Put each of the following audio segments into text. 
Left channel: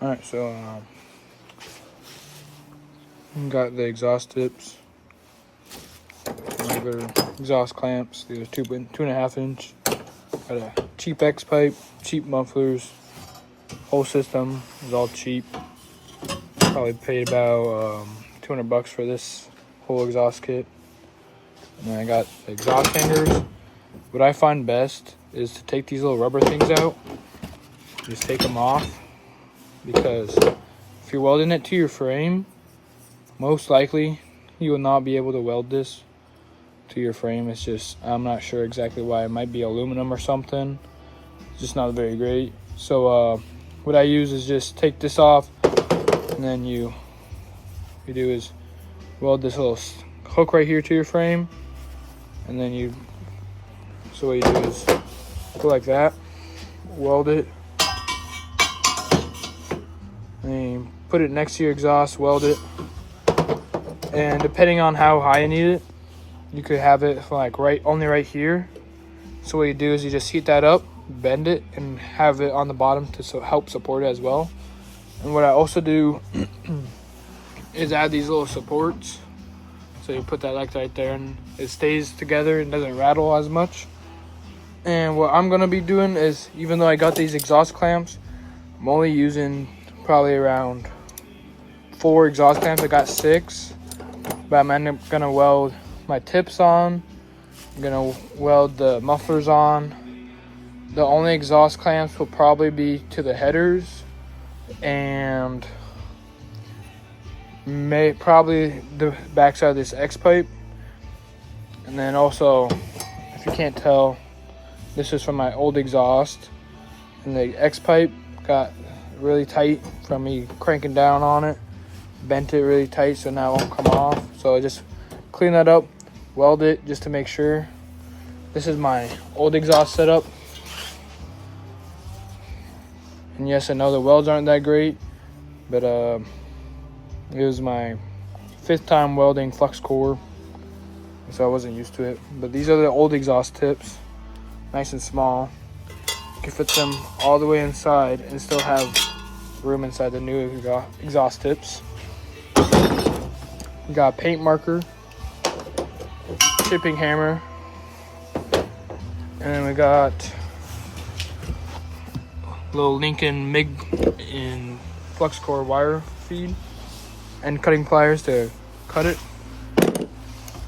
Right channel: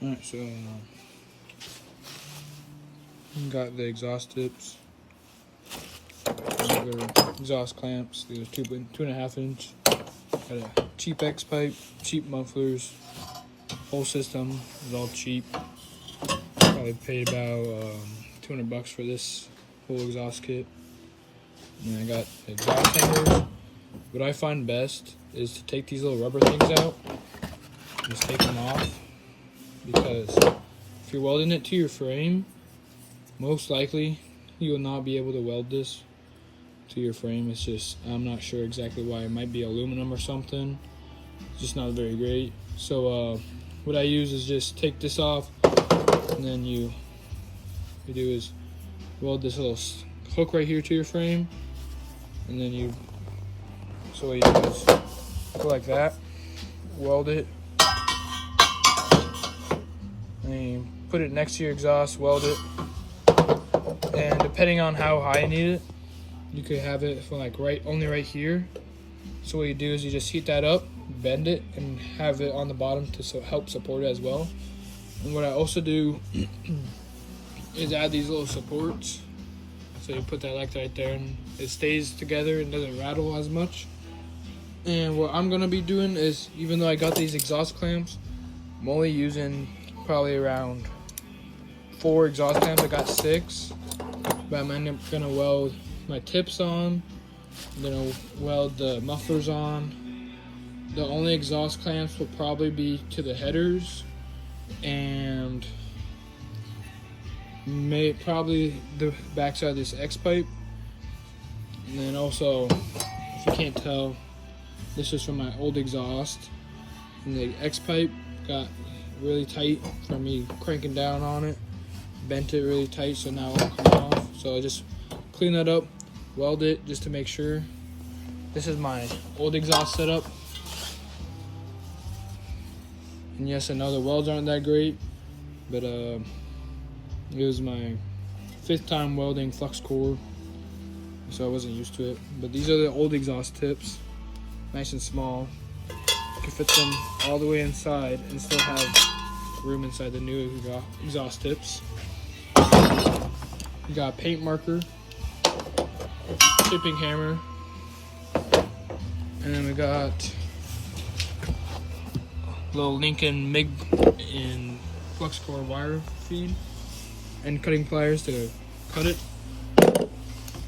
Alright, so got the exhaust tips, regular exhaust clamps, these are 2.5 inch. Got a cheap X pipe, cheap mufflers, whole system is all cheap. Probably paid about $200 for this whole exhaust kit. And then I got the exhaust hangers. What I find best is to take these little rubber things out, just take them off, because if you're welding it to your frame, most likely you will not be able to weld this to your frame. It's just, I'm not sure exactly why. It might be aluminum or something. It's just not very great. So what I use is just take this off, and then you do is weld this little hook right here to your frame, and then so what you do is go like that, weld it, and you put it next to your exhaust, weld it, and depending on how high you need it, you could have it like only right here. So what you do is you just heat that up, bend it, and have it on the bottom to help support it as well. And what I also do is add these little supports. So you put that like right there, and it stays together and doesn't rattle as much. And what I'm gonna be doing is, even though I got these exhaust clamps, I'm only using probably around 4 exhaust clamps. I got 6, but I'm gonna weld my tips on. I'm gonna weld the mufflers on. The only exhaust clamps will probably be to the headers and probably the backside of this X pipe. And then also, if you can't tell, this is from my old exhaust, and the X pipe got really tight from me cranking down on it, bent it really tight, so now it won't come off. So I just clean that up, weld it just to make sure. This is my old exhaust setup, and yes, I know the welds aren't that great, but it was my 5th time welding flux core, so I wasn't used to it. But these are the old exhaust tips, nice and small. You can fit them all the way inside and still have room inside the new exhaust tips. We got a paint marker, chipping hammer, and then we got little Lincoln MIG in flux core wire feed, and cutting pliers to cut it.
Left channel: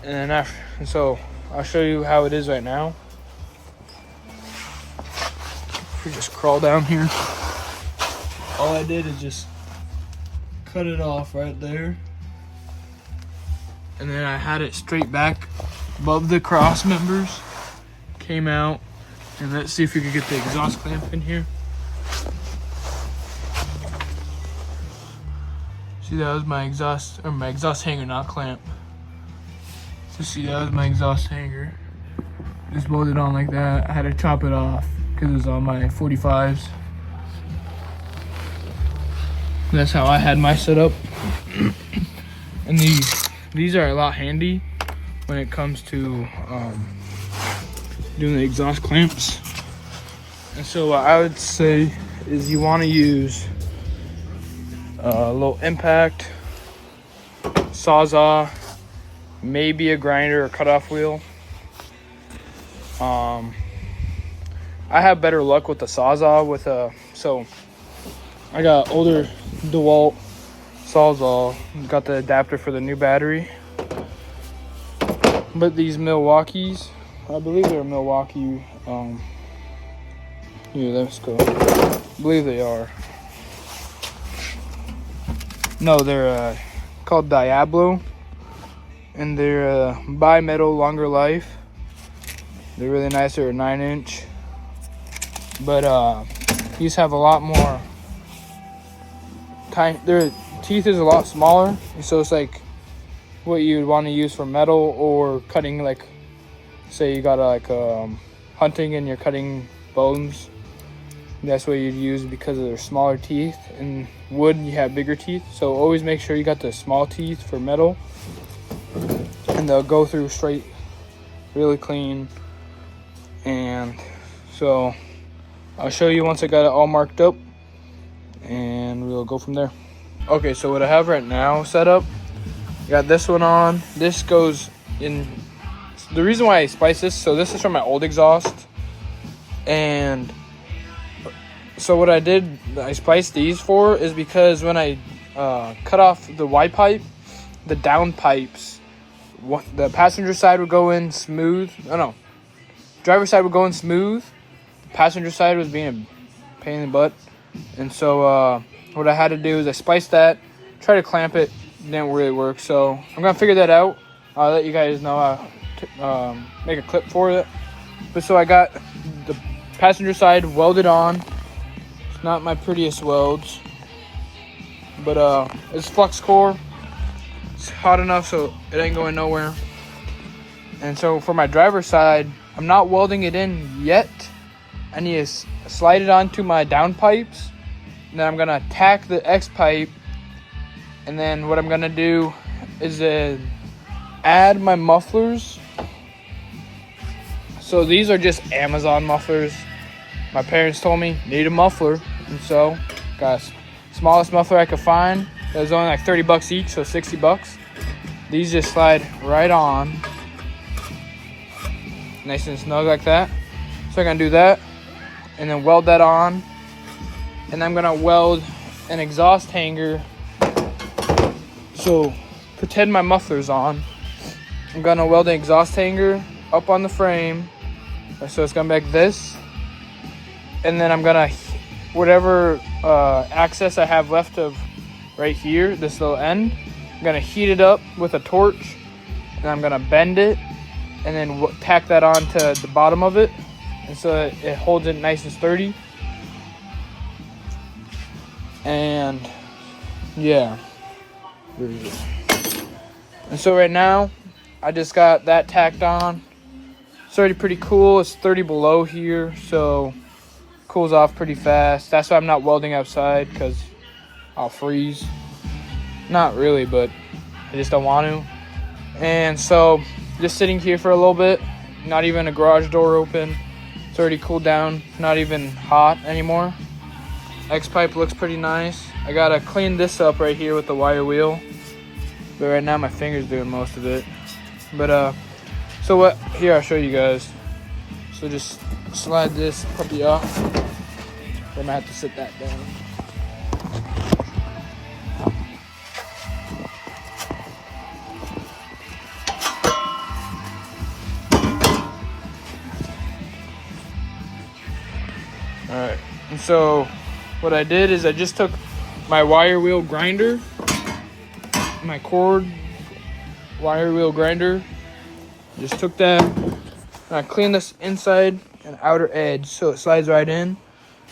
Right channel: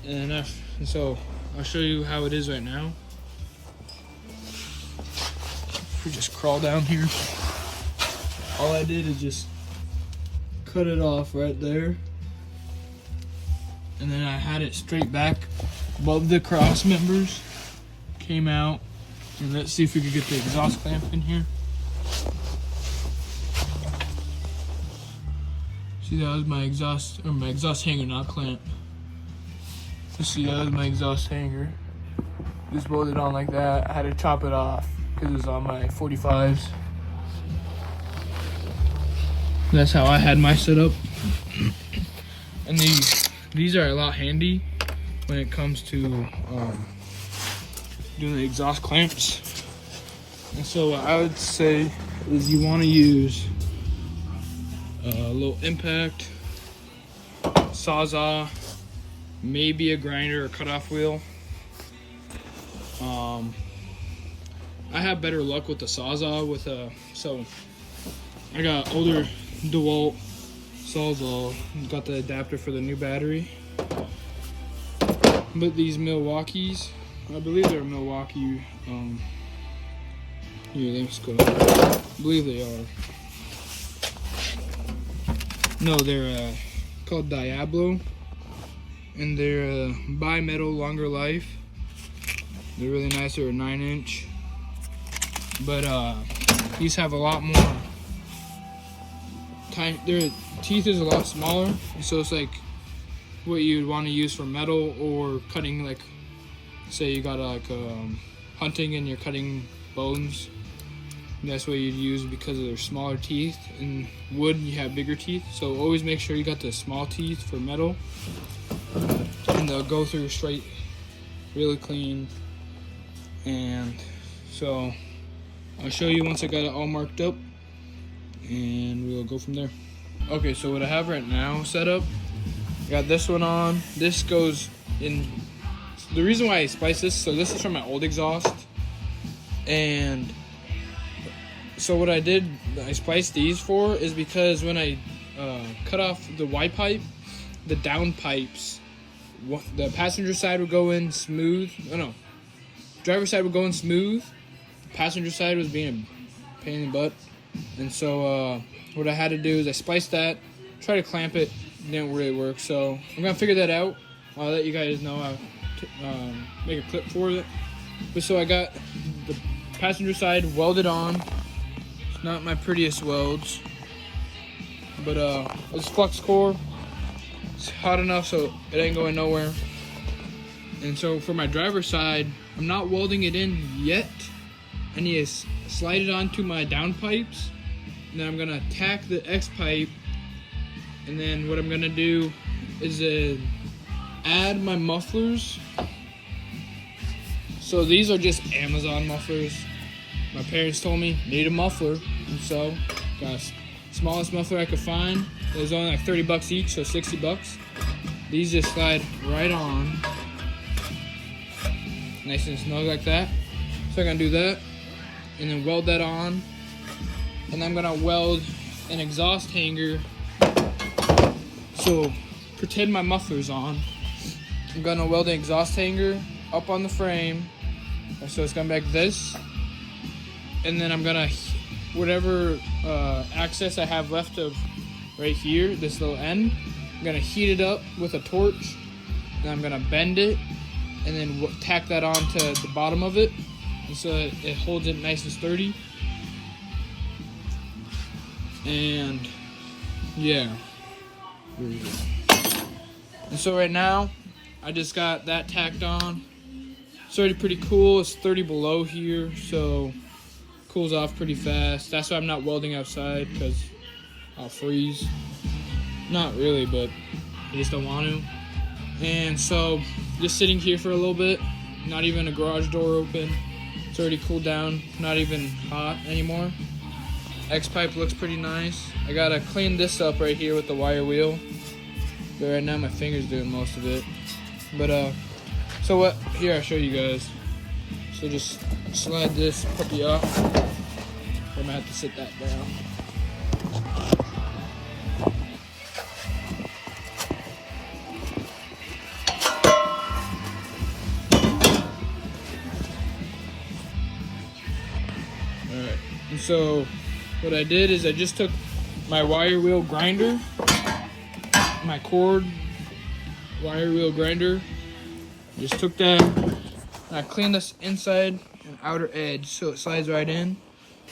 And so I'll show you how it is right now. We just crawl down here. All I did is just cut it off right there, and then I had it straight back above the cross members. Came out, and let's see if we could get the exhaust clamp in here. See, that was my exhaust hanger, not clamp. So see, that was my exhaust hanger. Just welded on like that. I had to chop it off because it was on my 45s. That's how I had my setup. And these are a lot handy when it comes to doing the exhaust clamps. And so what I would say is you want to use a little impact, sawzall, maybe a grinder or cutoff wheel. I have better luck with the sawzall so I got older DeWalt sawzall, got the adapter for the new battery. But these Milwaukees, I believe they're Milwaukee, here, let's go. I believe they are. No, they're called Diablo, and they're bi-metal, longer life. They're really nice. They're a 9-inch, but these have a lot more time. Their teeth is a lot smaller, so it's like what you'd want to use for metal or cutting, like say you got hunting and you're cutting bones. That's what you'd use because of their smaller teeth. In wood, you have bigger teeth, so always make sure you got the small teeth for metal, and they'll go through straight, really clean. And so I'll show you once I got it all marked up. and we'll go from there. Okay, so what I have right now set up, I got this one on. This goes in. The reason why I spliced this, so this is from my old exhaust, and so what I did, I spliced these for is because when I cut off the Y pipe, the down pipes, the passenger side would go in smooth. Oh no, driver's side would go in smooth. Passenger side was being a pain in the butt, and so what I had to do is I spliced that, try to clamp it, didn't really work. So I'm gonna figure that out. I'll let you guys know. Make a clip for it. But so I got the passenger side welded on. It's not my prettiest welds, but it's flux core. It's hot enough so it ain't going nowhere. And so for my driver's side, I'm not welding it in yet. I need to slide it onto my down pipes, and then I'm gonna tack the X pipe, and then what I'm gonna do is add my mufflers. So these are just Amazon mufflers. My parents told me need a muffler, and so got the smallest muffler I could find. That was only like 30 bucks each, so 60 bucks. These just slide right on, nice and snug like that. So I'm gonna do that, and then weld that on, and I'm gonna weld an exhaust hanger. So pretend my muffler's on. I'm gonna weld an exhaust hanger up on the frame, so it's gonna be like this, and then I'm gonna, whatever access I have left of right here, this little end, I'm gonna heat it up with a torch, and I'm gonna bend it, and then tack that onto the bottom of it, and so it holds it nice and sturdy. And yeah, there it is. And so right now I just got that tacked on. It's already pretty cool. It's 30 below here, so cools off pretty fast. That's why I'm not welding outside, because I'll freeze. Not really, but I just don't want to. And so just sitting here for a little bit, not even a garage door open. It's already cooled down, not even hot anymore. X pipe looks pretty nice. I gotta clean this up right here with the wire wheel, but right now my finger's doing most of it. But so what, here I'll show you guys. So just slide this puppy off. I'm gonna have to sit that down. Alright, and so what I did is I just took my wire wheel grinder, my cord wire wheel grinder, just took that, and I cleaned this inside and outer edge so it slides right in,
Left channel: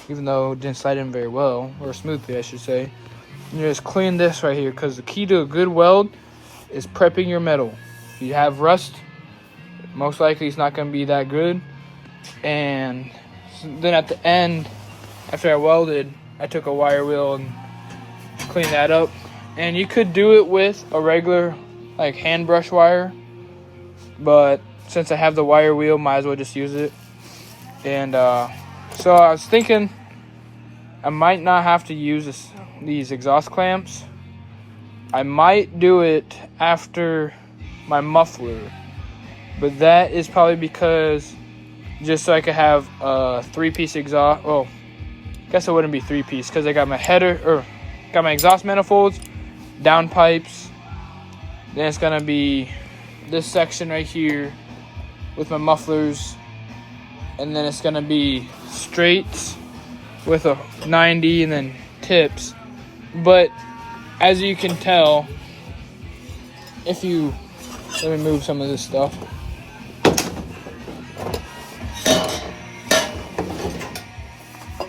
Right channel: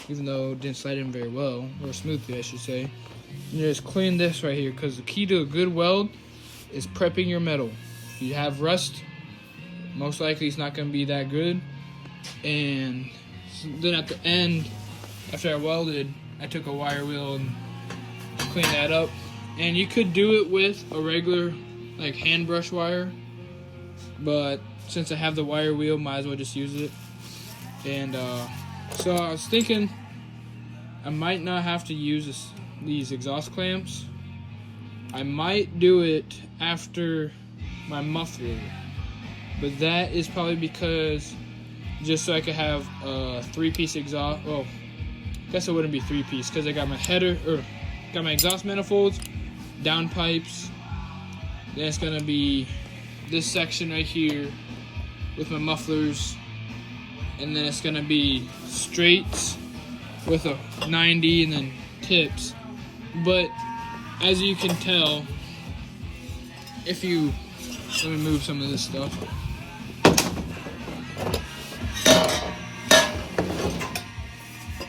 even though it didn't slide in very well, or smoothly I should say. And you just clean this right here, because the key to a good weld is prepping your metal. If you have rust, most likely it's not going to be that good. And then at the end, after I welded, I took a wire wheel and cleaned that up. And you could do it with a regular like hand brush wire, but since I have the wire wheel, might as well just use it. And so I was thinking I might not have to use these exhaust clamps. I might do it after my muffler, but that is probably because just so I could have a 3-piece exhaust. Well, I guess it wouldn't be 3-piece because I got my header, or got my exhaust manifolds, down pipes. Then it's gonna be this section right here with my mufflers, and then it's gonna be straights with a 90 and then tips. But as you can tell, if you, let me move some of this stuff.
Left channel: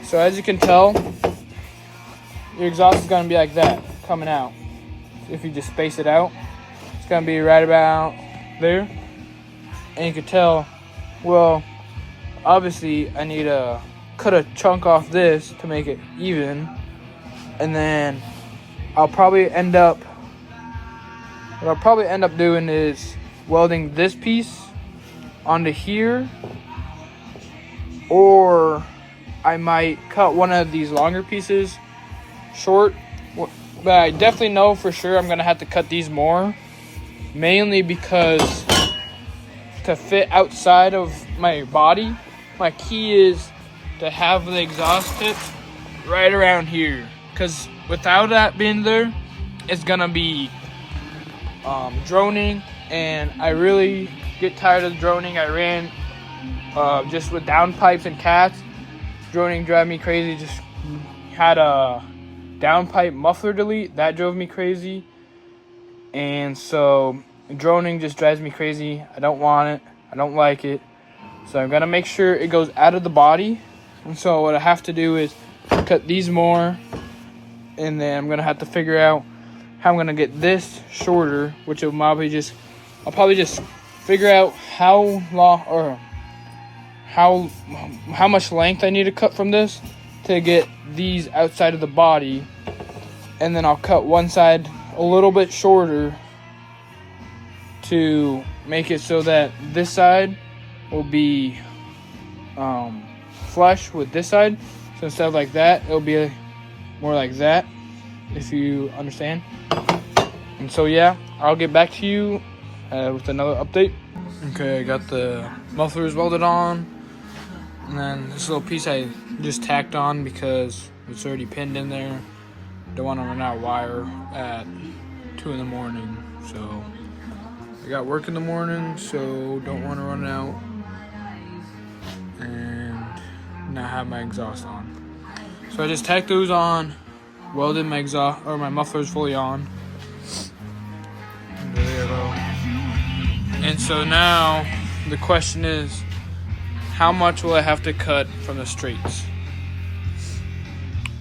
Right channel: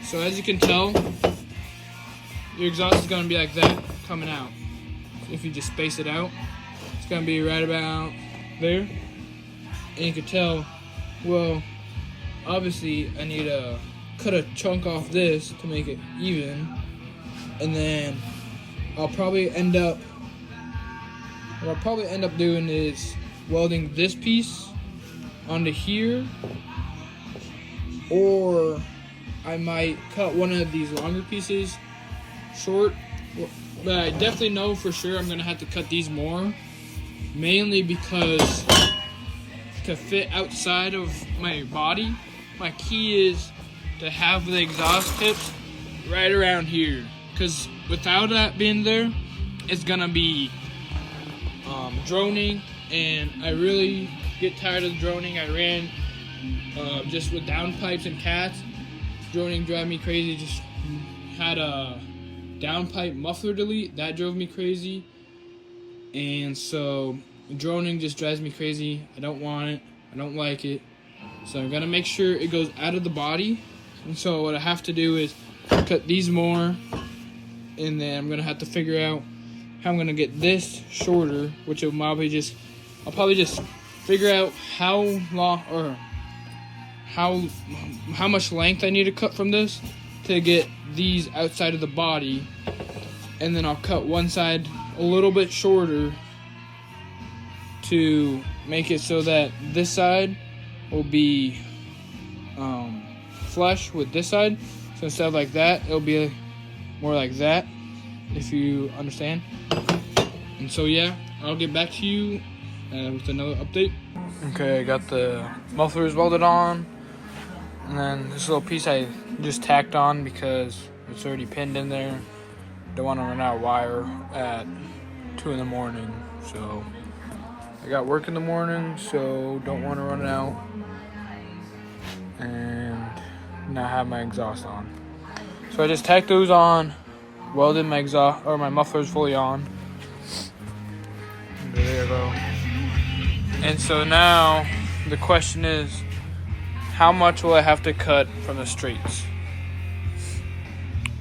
So as you can tell, your exhaust is gonna be like that, coming out. If you just space it out, it's gonna be right about there. And you can tell, well, obviously I need to cut a chunk off this to make it even. And then what I'll probably end up doing is welding this piece onto here, or I might cut one of these longer pieces short, but I definitely know for sure I'm gonna have to cut these more, mainly because to fit outside of my body, my key is to have the exhaust tip right around here, because without that being there, it's gonna be droning, and I really get tired of droning. I ran just with downpipes and cats. Droning drive me crazy. Just had a downpipe muffler delete, that drove me crazy, and so droning just drives me crazy. I don't want it. I don't like it. So I'm gonna make sure it goes out of the body. And so what I have to do is cut these more, and then I'm gonna have to figure out how I'm gonna get this shorter, which will I'll probably just figure out how long or how much length I need to cut from this to get these outside of the body, and then I'll cut one side a little bit shorter to make it so that this side will be flush with this side. So instead of like that, it'll be more like that, if you understand. And so yeah, I'll get back to you with another update. Okay, I got the mufflers welded on, and then this little piece I just tacked on because it's already pinned in there. Don't want to run out of wire at 2 in the morning, so I got work in the morning, so don't want to run out and not have my exhaust on. So I just tacked those on, welded my exhaust or my mufflers fully on. There you go. And so now the question is, how much will I have to cut from the straights?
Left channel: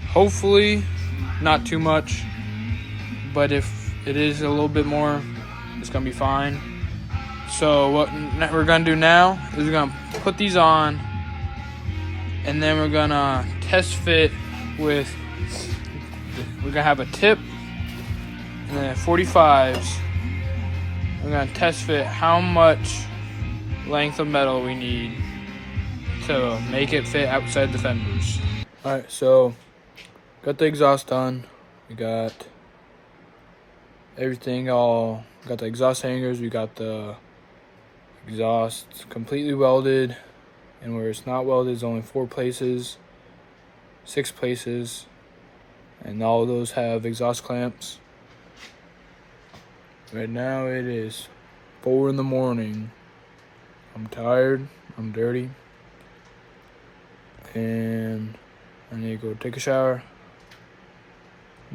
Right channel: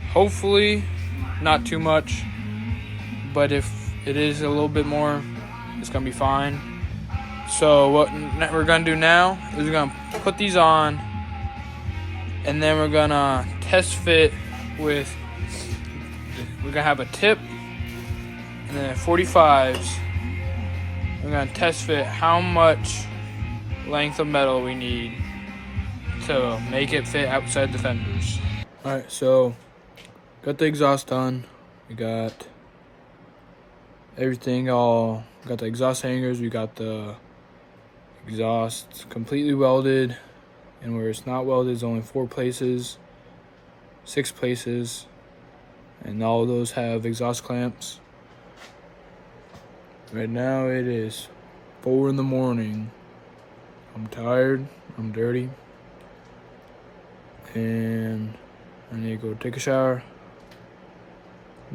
Hopefully not too much, but if it is a little bit more, it's gonna be fine. So what we're gonna do now is we're gonna put these on, and then we're gonna test fit with, we're gonna have a tip and then 45s. We're gonna test fit how much length of metal we need to make it fit outside the fenders. Alright, so got the exhaust done. We got everything all, got the exhaust hangers, we got the exhaust completely welded, and where it's not welded is only 4 places, 6 places, and all of those have exhaust clamps. Right now it is 4 in the morning. I'm tired, I'm dirty, and I need to go take a shower,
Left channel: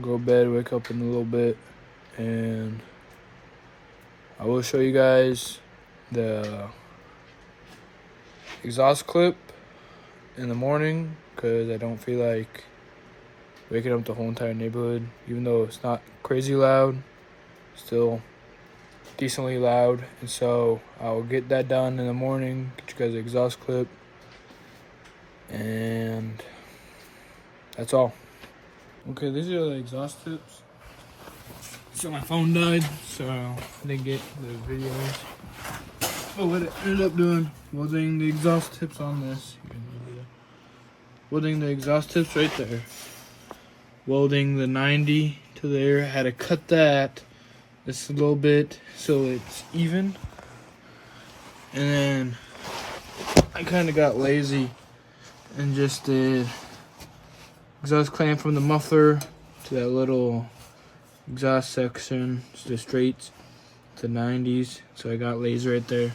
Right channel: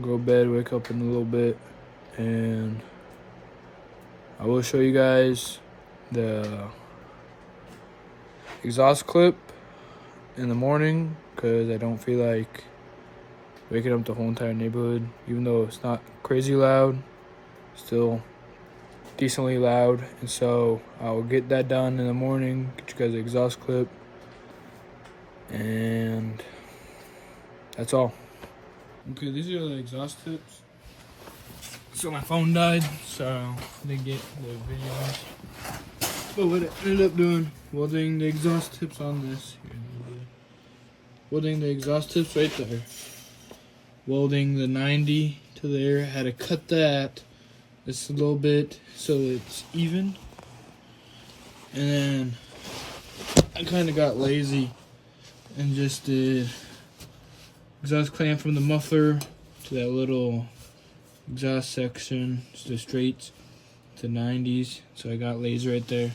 go to bed, wake up in a little bit, and I will show you guys the exhaust clip in the morning, because I don't feel like waking up the whole entire neighborhood. Even though it's not crazy loud, still decently loud. And so I'll get that done in the morning, get you guys the exhaust clip, and that's all. Okay, these are the exhaust tips. So my phone died, so I didn't get the videos. But what I ended up doing, welding the exhaust tips on this. Welding the exhaust tips right there. Welding the 90 to there. I had to cut that just a little bit so it's even. And then I kind of got lazy and just did exhaust clamp from the muffler to that little exhaust section, to the straights, to 90s. So I got lazy right there.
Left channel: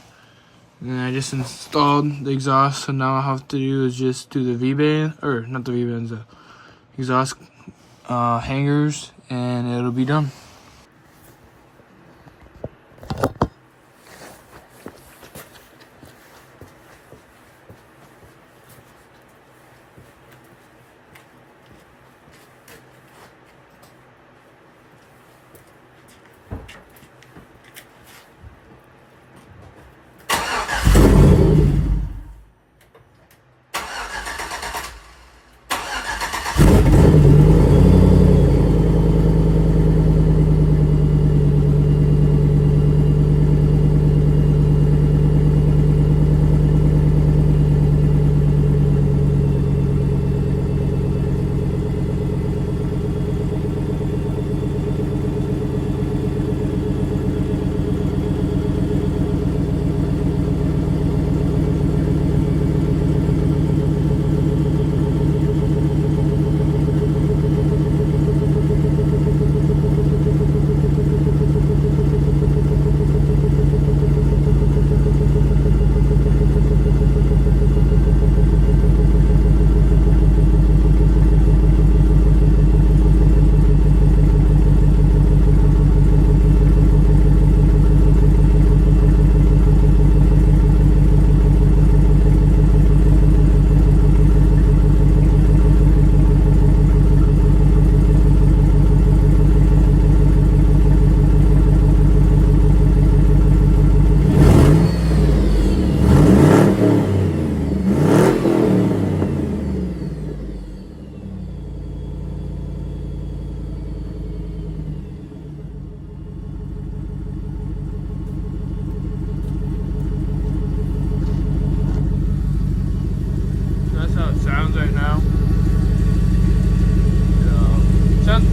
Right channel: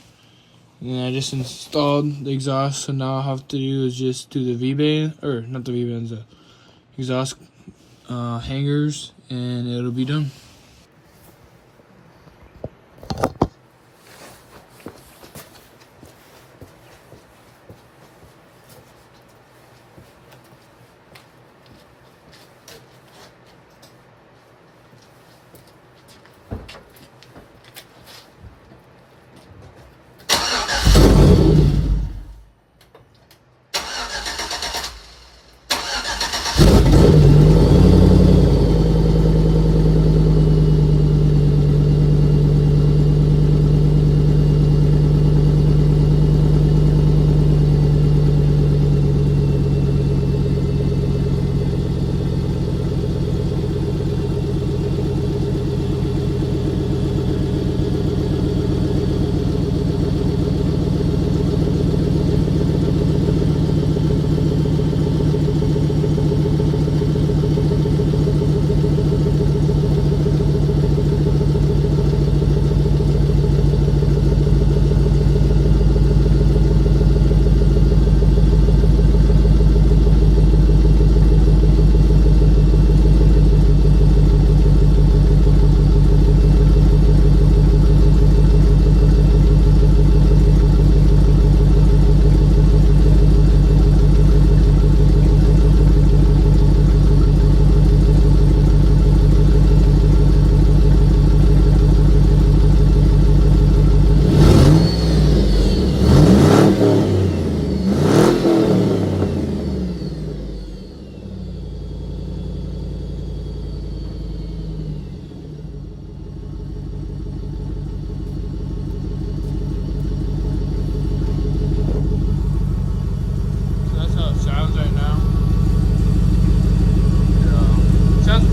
And then I just installed the exhaust, so now all I have to do is just do the V-band, or not the V-bands, the exhaust hangers, and it'll be done.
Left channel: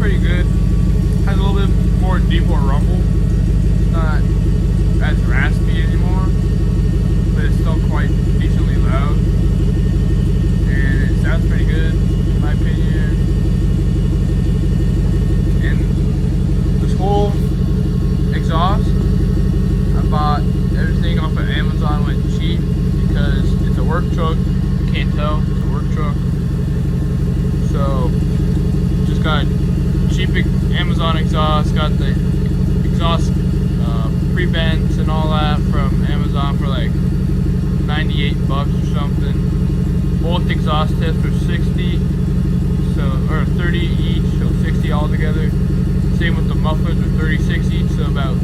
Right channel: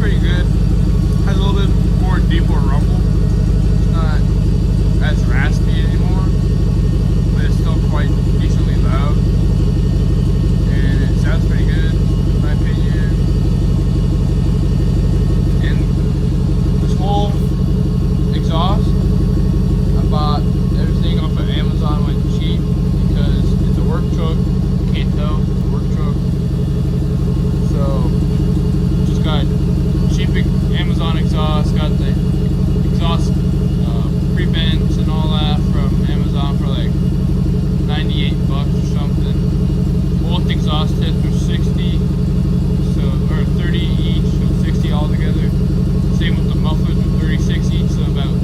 pretty good. Has a little bit more deeper rumble. It's not as raspy anymore, but it's still quite decently loud. And it sounds pretty good, in my opinion. And this whole exhaust, I bought everything off of Amazon like cheap because it's a work truck. You can't tell, it's a work truck. So just got cheap Amazon exhaust, got the exhaust pre-vents and all that from Amazon for like 98 bucks or something. Both exhaust tips are 60, or 30 each, so 60 altogether. Same with the mufflers, are 36 each, so about